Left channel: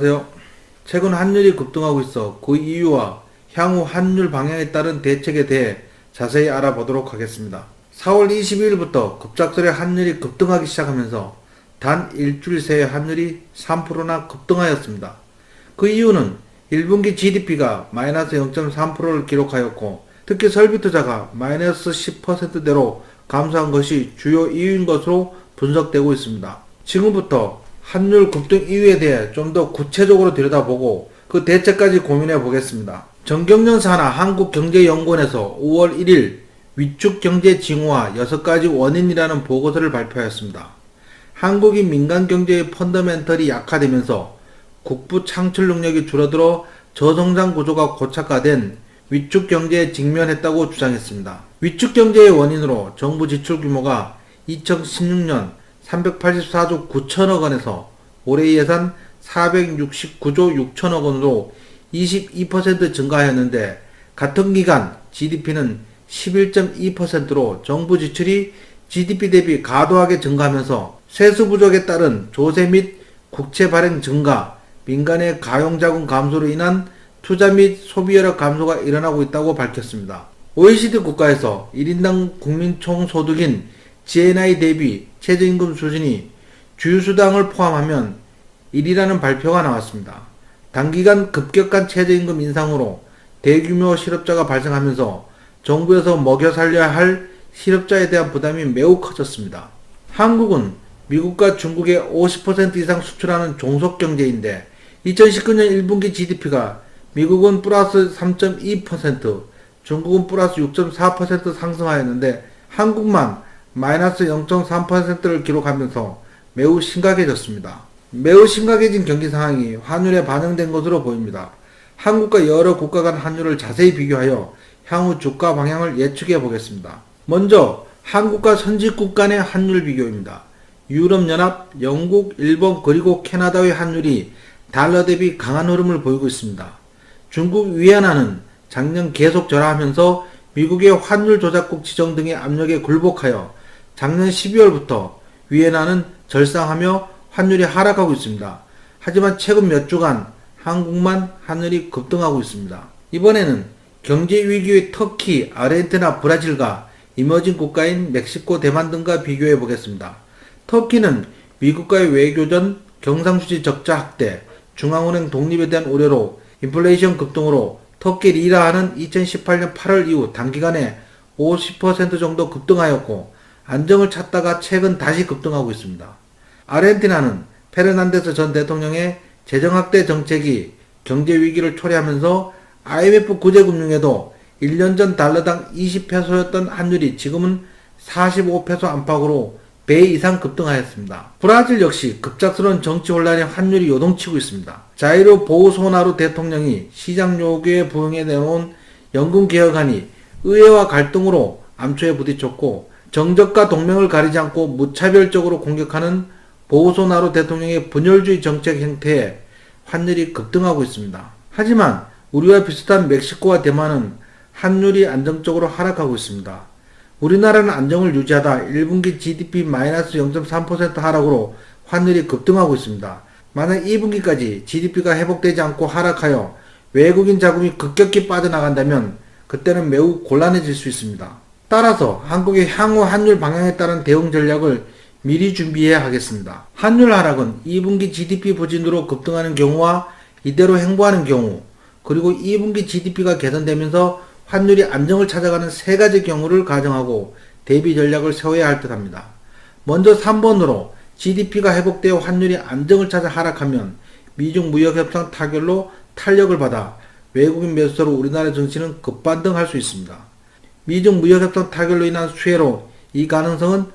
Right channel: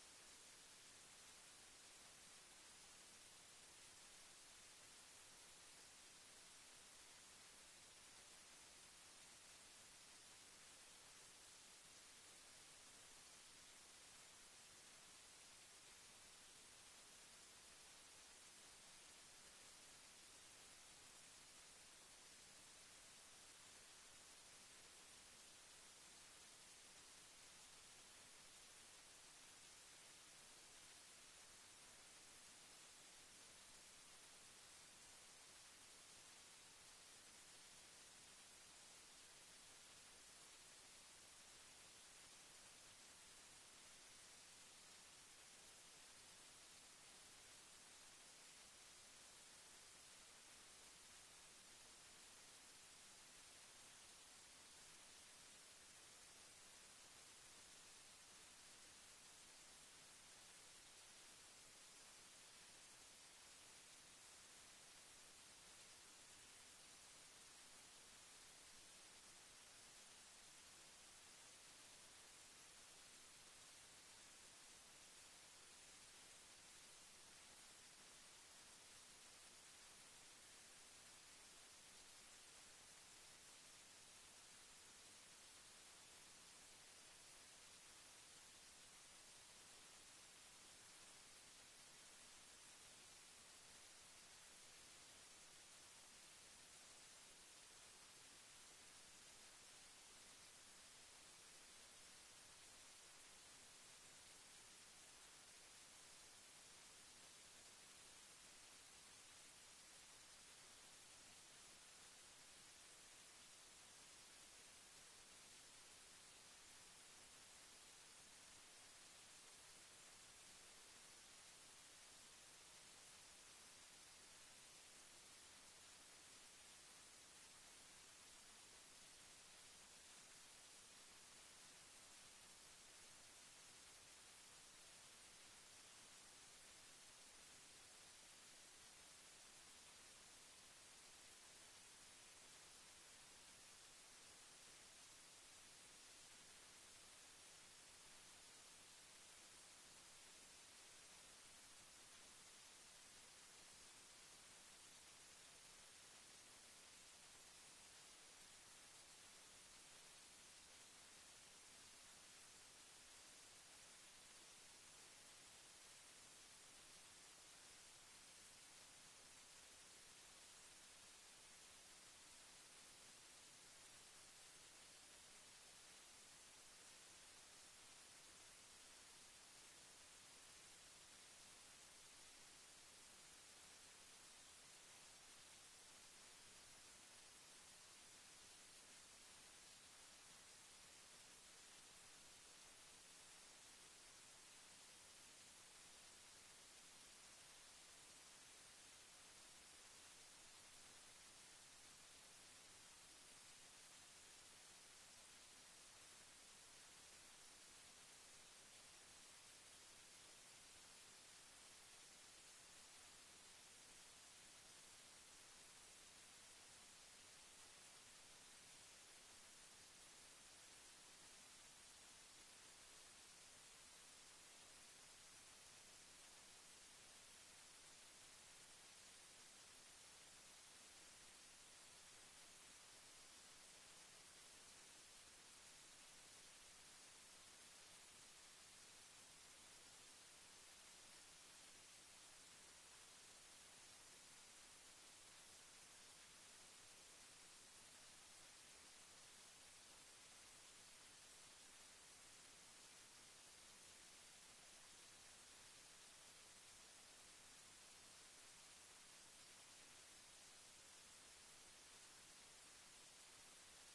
안녕하세요. 최근 환율이 급등하고 있어 그 이유와 향후 환율 방향에 따른 대책에 대해 자세히 알아보도록 하겠습니다. 4월 22일부터 급작스레 환율이 급등하기 시작하면서 단 일주일 새에 환율이 3%나 급등하였습니다. 그 이유는 1분기 GDP가 마이너스 0.3%를 기록하였고 특히 설비 투자가 마이너스 10%대로 감소한 것이 주요 이유인 것으로 분석되고 있습니다. 지금부터 환율 급등 이유에 대해 좀 더 구체적으로 들여다보고 그 대책까지 고민해 보겠습니다. 정경련 산하 한국경제연구원에서 5월 1일 위축 경제 징후와 6가지 원인이라는 보고서를 발표하였습니다. 한국이 민간 경제의 펀더멘털이 약화되면서 국부 창출 능력이 줄어들어 저성장 구조가 고착화된 위축 경제에 직면했다고 주장했습니다. 위축 경제의 원인으로 정부 지출 규모가 2016년 384조 9천억 원에서 올해 예산 469조 6천억 원으로 22% 증가하였는데 같은 기간 GDP는 11.2%로 정부 지출이 GDP 대비 과도하게 증가하면서 세수 부족에 따른 조세 및 국채 발행 증가, 민간의 가용자금 감소로 인한 투자 및 소비 여력 감소가 일어나고 있다고 밝혔습니다. OECD 국가에서 1인당 국민 총소득인 GNI 대비 최저임금 수준이 주유수당을 포함하면 1위라는 발표가 나왔습니다. 단기간 급격한 최저임금 인상으로 대규모 실업자가 발생하면서 정부에서 먹여 살려야 할 실업자에 대한 부담이 매우 커졌습니다. 한국은 미국과 중국에 50% 이상 수출하는 종속경제인데 2019년 1분기 GDP가 미국은 플러스 3.2%, 중국은 플러스 6.4% 상승하였는데 한국만 마이너스 0.3%를 기록하면서 매우 심각해졌습니다. 매우 심각해진 경기 상황이 환율에 반영된 것으로 보입니다. 한국과 여러 국가 간 환율을 자세히 비교하여 향후 주가 방향을 예측해 보겠습니다. 먼저 한국과 선진국 간의 환율 비교입니다. 유럽연합, 영국, 일본 그리고 캐나다의 환율이 달러 대비 강한 흐름을 보이고 있습니다. 중국 위안화는 작년 계속 절하하면서 미국의 환율 조작국 지정 등의 압력에 굴복하여 작년 12월부터 위안화는 절상하며 환율이 하락하고 있습니다. 하지만 최근 몇 주간 한국만 환율이 급등하고 있습니다. 이번에는 경제 위기의 터키, 아르헨티나, 브라질과 이머징 국가인 멕시코, 대만 등과 비교해 보겠습니다. 터키는 미국과의 외교전, 경상수지 적자 확대, 중앙은행 독립에 대한 우려로 인플레이션 급등으로 터키 리라화는 2018년 8월 이후 단기간에 50% 정도 급등하였고 안정을 찾다가 최근 다시 급등하고 있습니다. 아르헨티나는 페르난데스 전 대통령의 재정확대 정책이 경제 위기를 초래하면서 IMF 구제금융에도 1년 전 달러당 20페소였던 환율이 지금은 45페소 안팎으로 배 이상 급등하였습니다. 브라질 역시 급작스러운 정치 혼란에 환율이 요동치고 있습니다. 자이르 보우소나루 대통령이 시장 요구에 부응해 내놓은 연금 개혁안이 의회와 갈등으로 암초에 부딪혔고 정적과 동맹을 가리지 않고 무차별적으로 공격하는 보우소나루 대통령의 분열주의 정책 행태에 환율이 급등하고 있습니다. 하지만 우리와 비슷한 멕시코와 대만은 환율이 안정적으로 하락하고 있습니다. 우리나라는 안정을 유지하다 1분기 GDP 마이너스 0.3% 하락으로 환율이 급등하고 있습니다. 만약 2분기까지 GDP가 회복되지 않고 하락하여 외국인 자금이 급격히 빠져나간다면 그때는 매우 곤란해질 수 있습니다. 따라서 한국의 향후 환율 방향에 따른 대응 전략을 미리 준비해야 하겠습니다. 환율 하락은 2분기 GDP 부진으로 급등하는 경우와 이대로 행보하는 경우, 그리고 2분기 GDP가 개선되면서 환율이 안정을 찾아가는 세 가지 경우를 가정하고 대비 전략을 세워야 할 듯합니다. 먼저 3번으로 GDP가 회복되어 환율이 안정을 찾아 하락하면 미중 무역협상 타결로 탄력을 받아 외국인 매수세로 우리나라 증시는 급반등할 수 있습니다. 미중 무역협상 타결로 인한 수혜로 이 가능성은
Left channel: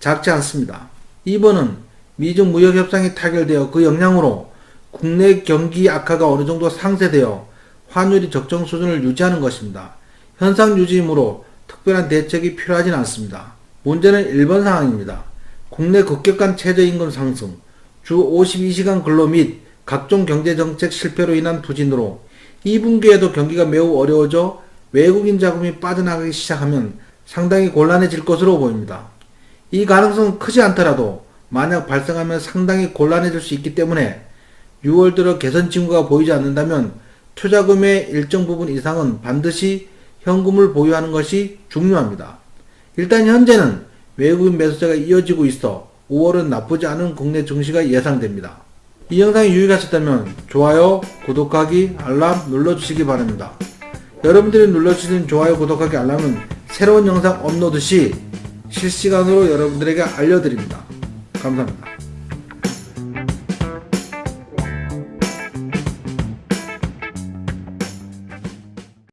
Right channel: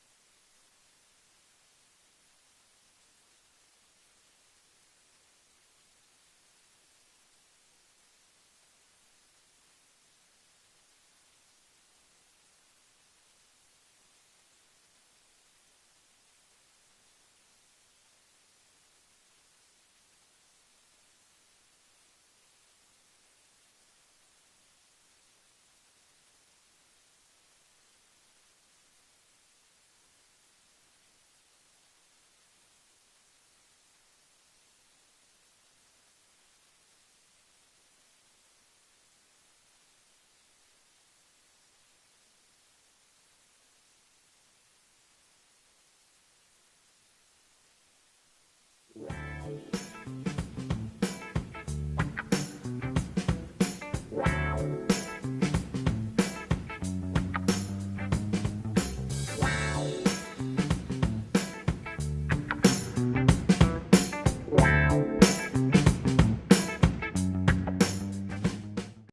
작지 않습니다. 2번은 미중 무역협상이 타결되어 그 영향으로 국내 경기 악화가 어느 정도 상쇄되어 환율이 적정 수준을 유지하는 것입니다. 현상 유지이므로 특별한 대책이 필요하진 않습니다. 문제는 1번 상황입니다. 국내 급격한 최저임금 상승, 주 52시간 근로 및 각종 경제정책 실패로 인한 부진으로 2분기에도 경기가 매우 어려워져 외국인 자금이 빠져나가기 시작하면 상당히 곤란해질 것으로 보입니다. 이 가능성은 크지 않더라도 만약 발생하면 상당히 곤란해질 수 있기 때문에 6월 들어 개선 징후가 보이지 않는다면 투자금의 일정 부분 이상은 반드시 현금을 보유하는 것이 중요합니다. 일단 현재는 외국인 매수세가 이어지고 있어 5월은 나쁘지 않은 국내 증시가 예상됩니다. 이 영상이 유익하셨다면 좋아요, 구독하기, 알람 눌러주시기 바랍니다. 여러분들이 눌러주신 좋아요, 구독하기, 알람은 새로운 영상 업로드 시 실시간으로 여러분들에게 알려드립니다. 감사합니다.